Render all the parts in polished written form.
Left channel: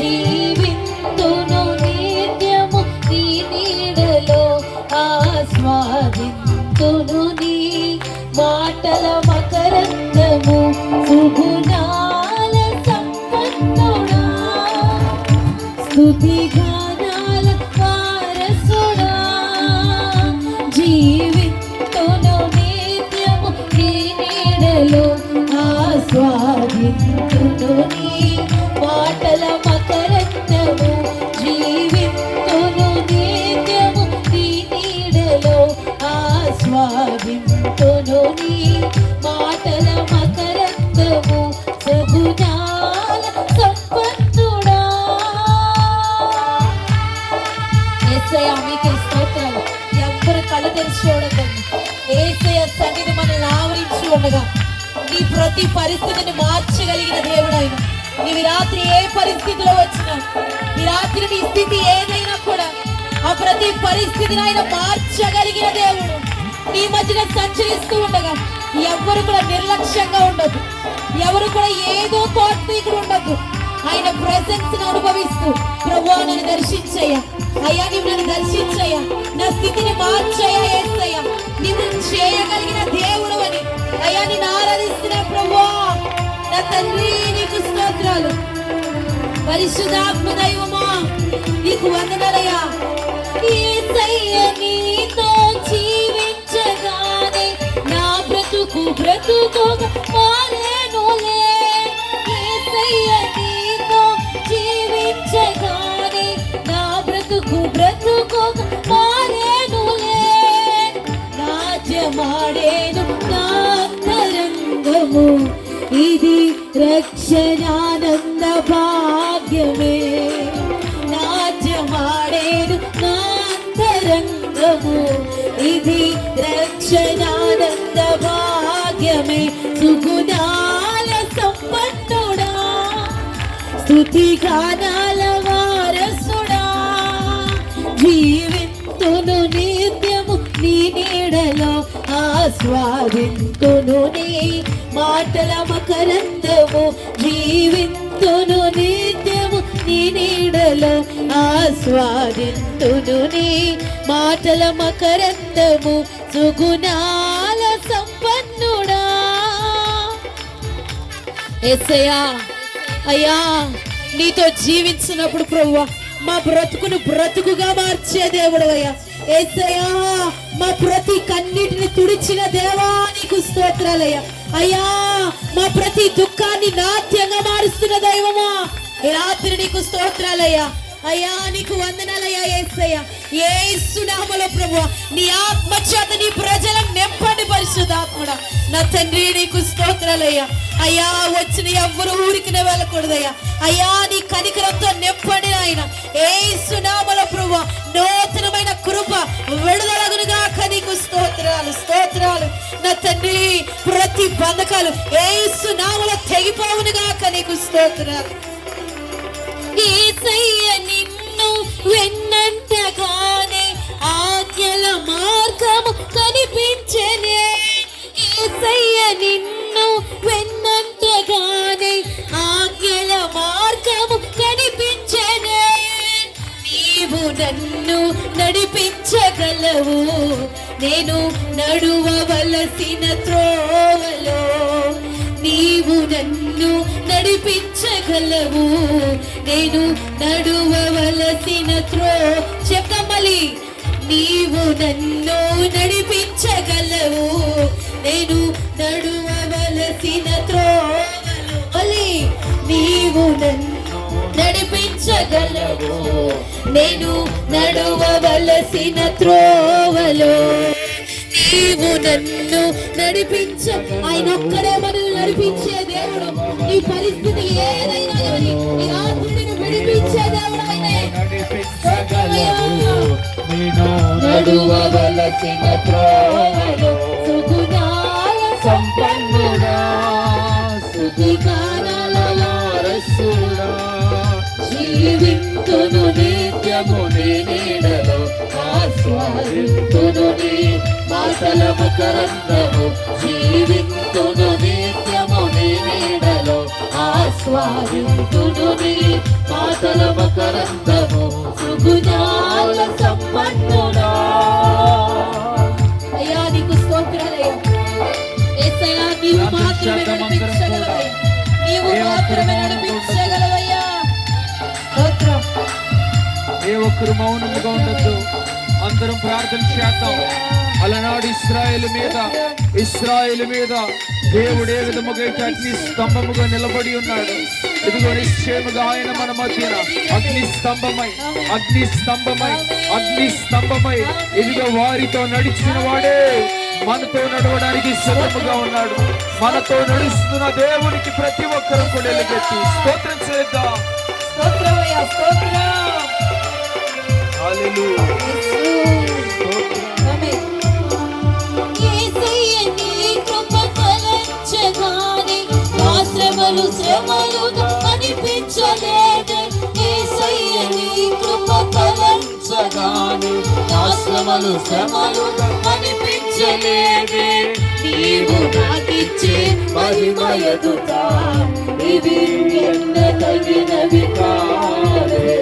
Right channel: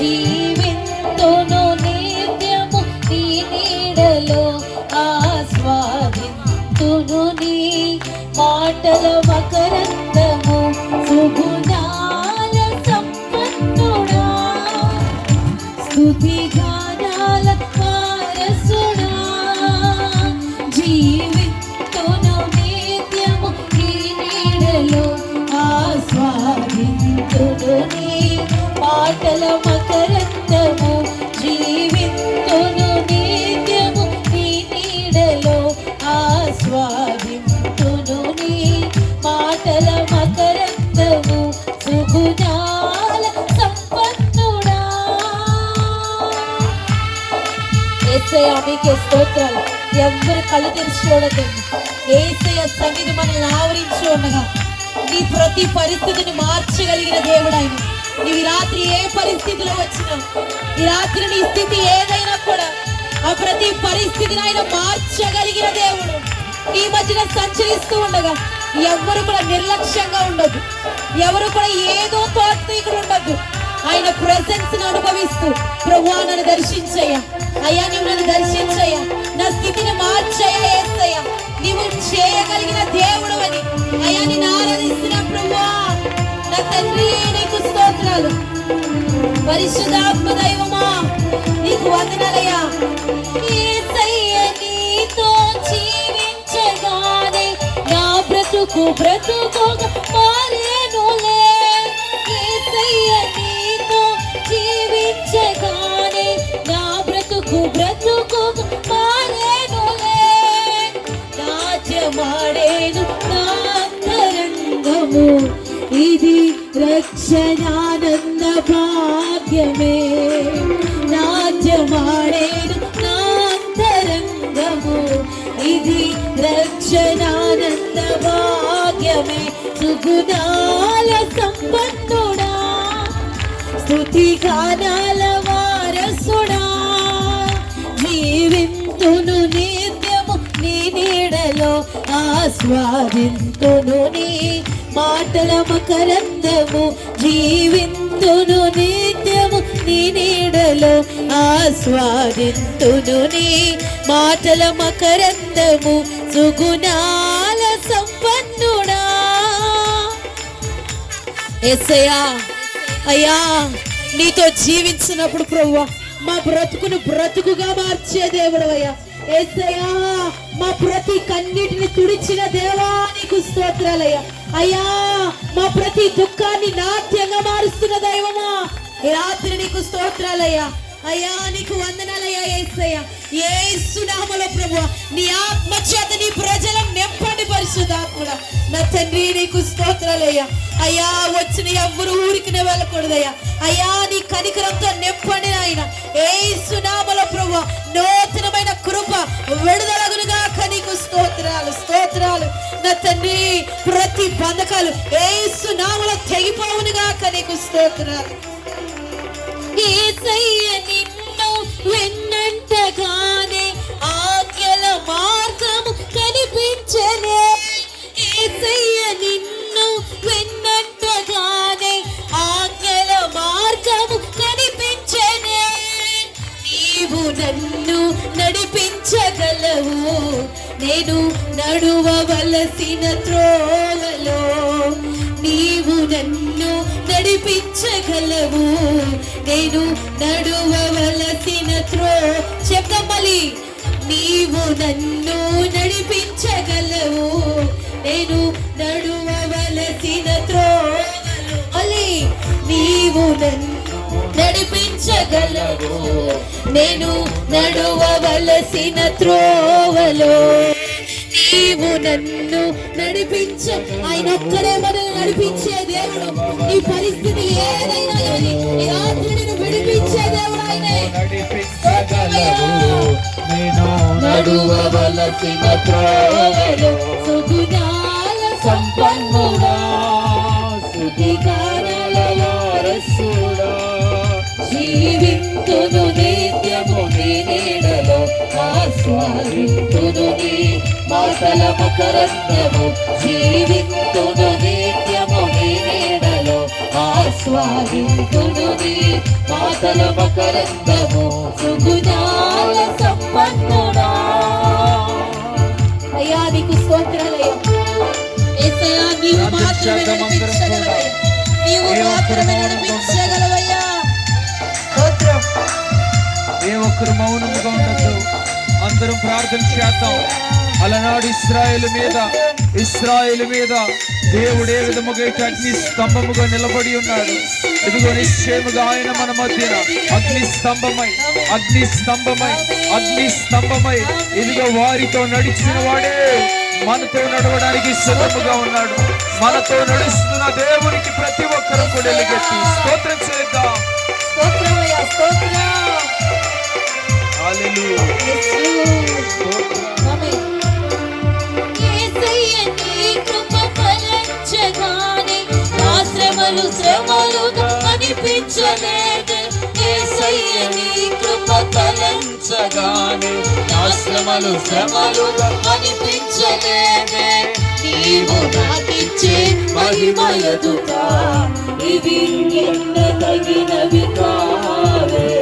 జీవింతును నిత్యము నీ నీడలో ఆస్వాదింతును నీ మాటల మకరందము సుగుణాల సంపన్నుడా స్తుతి గానాల వారసుడా జీవింతును నిత్యము నీ నీడలో ఆస్వాదింతును నీ మాటల మకరందము జీవింతును నిత్యము నీ నీడలో ఆస్వాదింతును నీ మాటల మకరందము సుగుణాల సంపన్నుడా. యేసయ్య మీకే స్తోత్రాలు. ఎవ్వరు కళ్ళు తెరిచి చూడకండి. యేసయ్య సన్నిధి మనల్ని ఆవరించి ఉండగా నీ ప్రతి పరిస్థితిని మార్చగలిగిన దేవుడు ఆయన. నీవి రాత్రి ఏ పరిస్థితిలో వచ్చినా, ఈ రాత్రి నీ స్థితి ఏదైనా కూడా ఆ ప్రతి పరిస్థితిని ఆయన మార్చగలిగిన దేవుడు. నీ మధ్యన సంచరిస్తూ ఉండగా ఎవరు కూడా నిర్లక్ష్యంగా ఉండదు, ఎవరు కూడా ఏదో తాత్వికుడు ఉండదు. ఆయన ప్రెసెన్స్ ని అనుభవిస్తూ ప్రభువా నన్ను దర్శించయ్యా, అయ్యా నువ్వు నన్ను దర్శించయ్యా, నా స్థితిని మార్చయ్యా యేసయ్యా, నీవు చేయగలిగిన దేవుడు అని అయ్యా నేను ఆరాధిస్తున్న ప్రభువా నా తండ్రి నీకు స్తోత్రాలు. పరిశుద్ధాత్మ దైవమా నీకు వందనాలయ్యా. యేసయ్య నీతో జీవించగానే నా బ్రతుకు మారేనులే. యేసయ్య నీతో జీవించగానే నా బ్రతుకు మారేనులే. రాజ్యమాడేను నా అంతరంగము ఇది రక్షణానంద భాగ్యమే. రాజ్యమాడేను నా అంతరంగము ఇది రక్షణానంద భాగ్యమే. సుగుణాల సంపన్నుడా స్తుతి గానాల వారసుడా జీవింతును నిత్యము నీ నీడలో ఆస్వాదింతును నీ మాటల మకరందము జీవింతును నిత్యము నీ నీడలో ఆస్వాదింతును నీ మాటల మకరందము సుగుణాల సంపన్నుడా. యేసయ్యా అయ్యా నీతో జీవించినప్పుడు ప్రభువా మా బ్రతుకును బ్రతుకుగా మార్చే దేవుడు అయ్యా. యేసయ్యా మా ప్రతి కన్నిటిని తుడిచిన దేవా నీకు స్తోత్రాలయ్యా. అయ్యా మా ప్రతి దుఃఖాన్ని నాట్యంగా మారుస్తున్న దైవమా ఈ రాత్రి నీకు స్తోత్రాలయ్యా. అయ్యా నీకు వందనాలయ్యా యేసయ్యా. యేసు నామములో ప్రభువా నీ ఆత్మ చేత నీ ప్రజలను నింపండి పరిశుద్ధాత్ముడా. నా తండ్రి నీకు స్తోత్రాలయ్యా. అయ్యా వచ్చిన ఎవ్వరు ఊరికినే వెళ్ళకూడదయ్యా. అయ్యా నీ కనికరంతో నింపండి ఆయన. యేసు నామములో ప్రభువా నూతనమైన కృప విడుదలగునుగాక నీకు స్తోత్రాలు స్తోత్రాలు. నా తండ్రి ప్రతి బంధకాలు యేసు నామములో తెగిపోవునుగాక నీకు స్తోత్రాలు. యేసయ్య నిన్ను వెన్నంటగానే ఆజ్ఞల మార్గము కనిపించనే. యేసయ్య నిన్ను వెన్నంటగానే ఆజ్ఞల మార్గము కనిపించనే. నీవు నన్ను నడిపించగలవు నేను నడువవలసిన త్రోవలో. నీవు నన్ను నడిపించగలవు నేను నడువవలసిన చెప్పమలి. నీవు నన్ను నడిపించగలవు నేను నడువవలసిన త్రోవలో. నీవు నన్ను నడిపించగలవు నేను నడువవలసిన త్రోవలో. నీవు నన్ను నడిపించ ఆయన ఒక్కడే మనల్ని నడిపించే దేవుడు. ఈ పరిస్థితి ఏదైనా కానీ ఈ రాత్రి నిన్ను విడిపించే దేవుడు ఆయనే. నడువవలసిన త్రోవలో సుగుణాల సంపన్నుడా స్తుతి గానాల వారసుడా జీవింతును నిత్యము నీ నీడలో ఆస్వాదింతును నీ మాటల మకరందము జీవింతును నిత్యము నీ నీడలో ఆస్వాదింతును నీ మాటల ఒక్కరు మౌనంగా ఉండద్దు, అందరం ప్రార్థన చేద్దాం. అలనాడు ఇశ్రాయేలు మీద దేవుడు ఏ విధముగా అగ్ని స్తంభముగా నిలబడి ఉన్నాడు. ఇదిగో నిశ్చయముగా ఆయన మన మధ్య అగ్ని స్తంభమై ఇదిగో వారితో నడిచిన వాడే మనతో నడవడానికి సిద్ధముగా ఉన్నాడు. మనతో నడుస్తున్న దేవునికి ప్రతి ఒక్కరూ కూడా ఎలుగెత్తి స్తోత్రం చేద్దాం. హల్లెలూయా. శ్రమలుగా అనిపించలేదే, యేసయ్య నీ కృప తలంచగానే నా శ్రమలుగా అనిపించలేదే. నీవు నాకిచ్చే మహిమ ఎదుట ఇది ఎన్నదగినవి కాదే.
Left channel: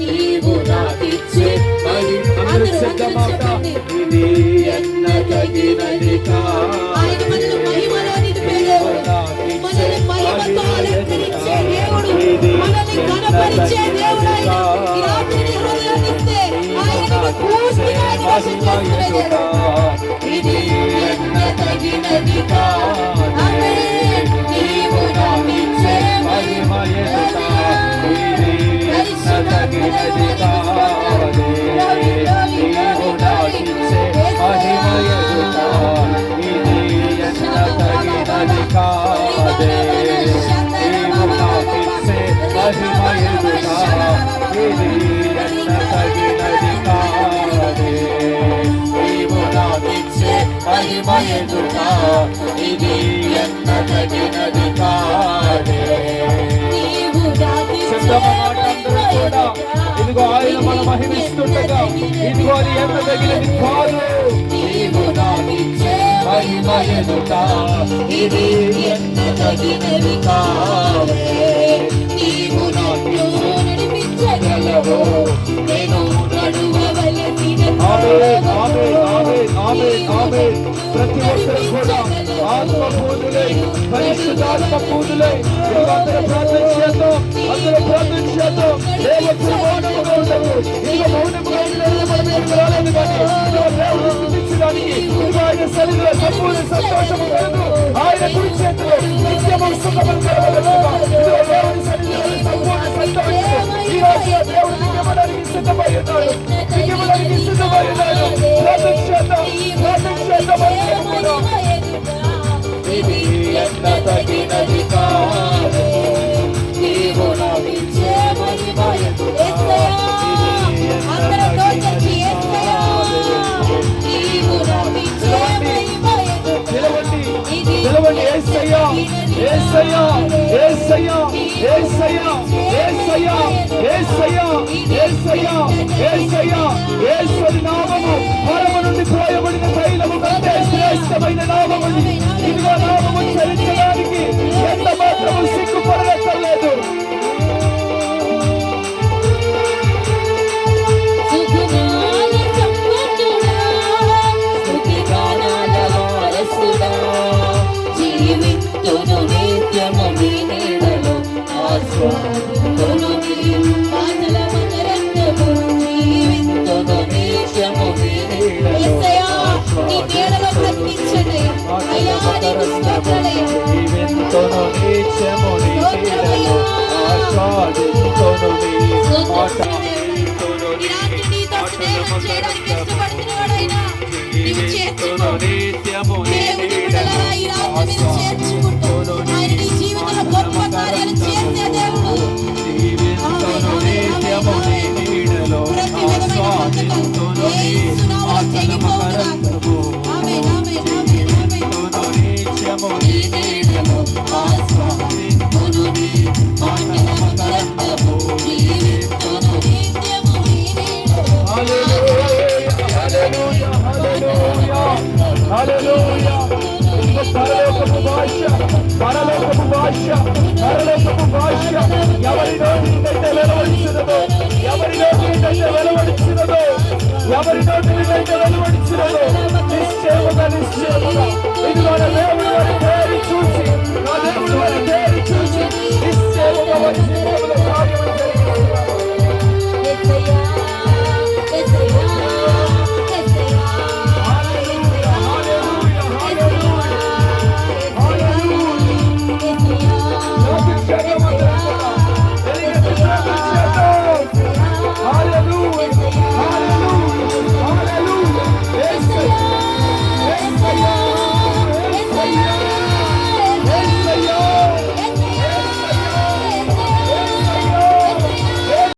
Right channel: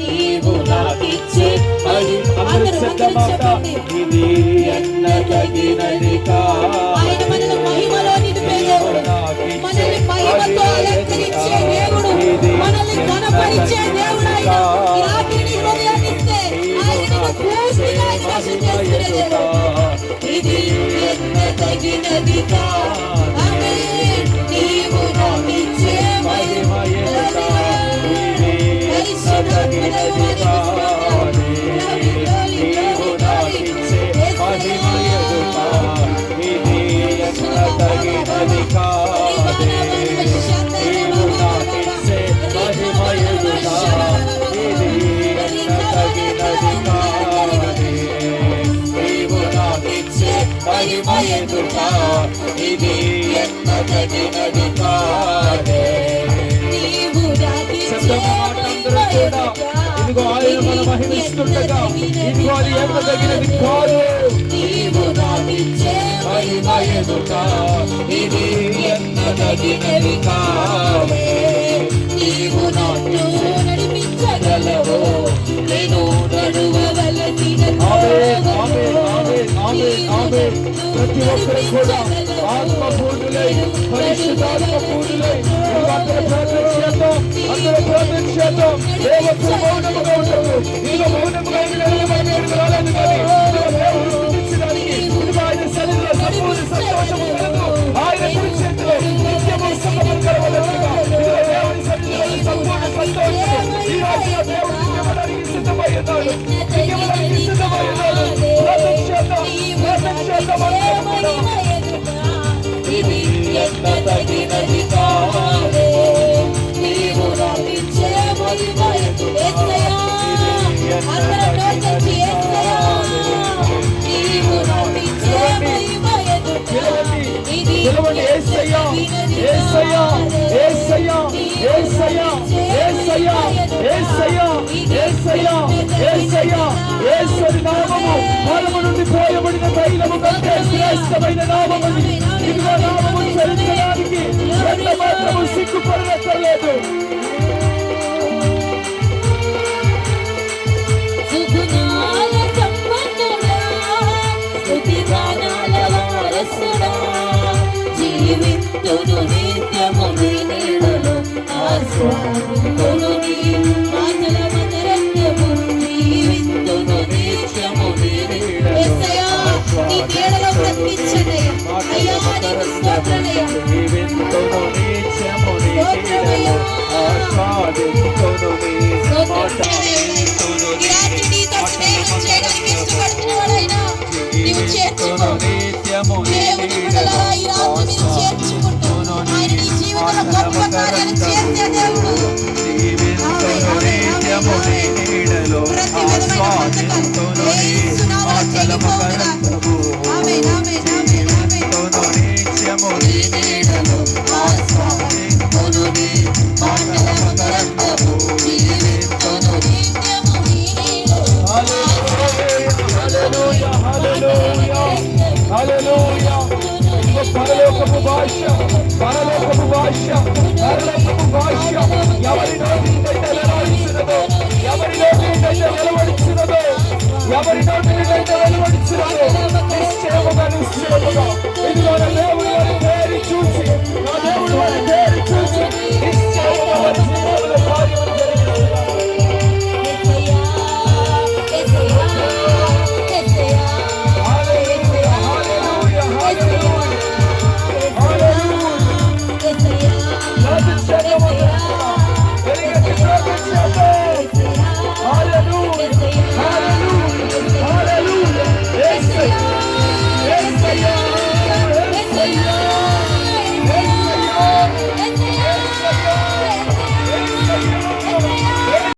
నీవు నాకిచ్చే మహిమ ఇది ఎన్నదగినది కాదే. ఆయన మనల్ని మహిమలో నిలిపేదేవుడు, మనల్ని మహిమతో అలంకరించే దేవుడు, మనల్ని ఘనపరిచే దేవుడు. ఆయన ఈ రాత్రి నీ హృదయాన్ని ఇస్తే ఆయనను పూర్తిగా స్పర్శం చేసుకునే దేవుడు. ఇది ఎన్నదగినది కాదే. ఆమేన్. నీవు నాకిచ్చే మహిమ ఎదుట ఇది ఎన్నదగినది కాదే. నీవు నాకిచ్చే మహిమ ఎదుట ఇది ఎన్నదగినది కాదే. నీవు నాకిచ్చే మహిమ ఎదుట ఇది ఎన్నదగినది కాదే. నీవు నాకిచ్చే మహిమ ఎదుట ఇది ఎన్నదగినది కాదే. అందరూ కూడా ఇదిగో ఆయన మన మహిమిస్తుండగా ఇదిగో అది ఎన్నదగినది కాదు. నీవు నాకిచ్చే మహిమ ఎదుట ఇది ఎన్నదగినది కాదే. నీవు నాతో నడిపించగలవు, నేను నడువవలసిన ప్రతి ఒక్కరు కూడా ఆత్మపూర్ణులై పరిశుద్ధాత్మ పూర్ణులై అందరూ ప్రార్థన చేద్దాం. దేవుడు మౌనముగా ఉండదు. ఇదిగో మౌనముగా నిలబడి కానీ దేవుడు స్థుతించడానికి ఆయన సన్నిధిలో సంపూర్ణ సంతోషము కలదు. ఆయన కుడి చేతిలో నిత్యము సుఖము కలగలుగుగా దేవుని సన్నిధిలో సంపూర్ణ సంతోషము ఈ రోజులో దేవుడు నిత్యమడానికి సిద్ధమై ఉన్నాడు. ఇది ఎన్నదగినది కాదే. నీవు నాకిచ్చే మహిమ ఎదుట ఇది ఎన్నదగినది కాదే. నీవు నాకిచ్చే మహిమ ఎదుట ఇది యేసయ్యా యేసయ్యా యేసయ్యా యేసయ్యా యేసయ్యా యేసయ్యా యేసయ్యా యేసయ్యా యేసుని నామము పరము నుండి పోయబడిన తైలము కంటే శ్రేష్టమైన నామము. ఇదిగో నామము చరించడానికి ఎంత మాత్రము సిగ్గుపడనక్కర్లేదు.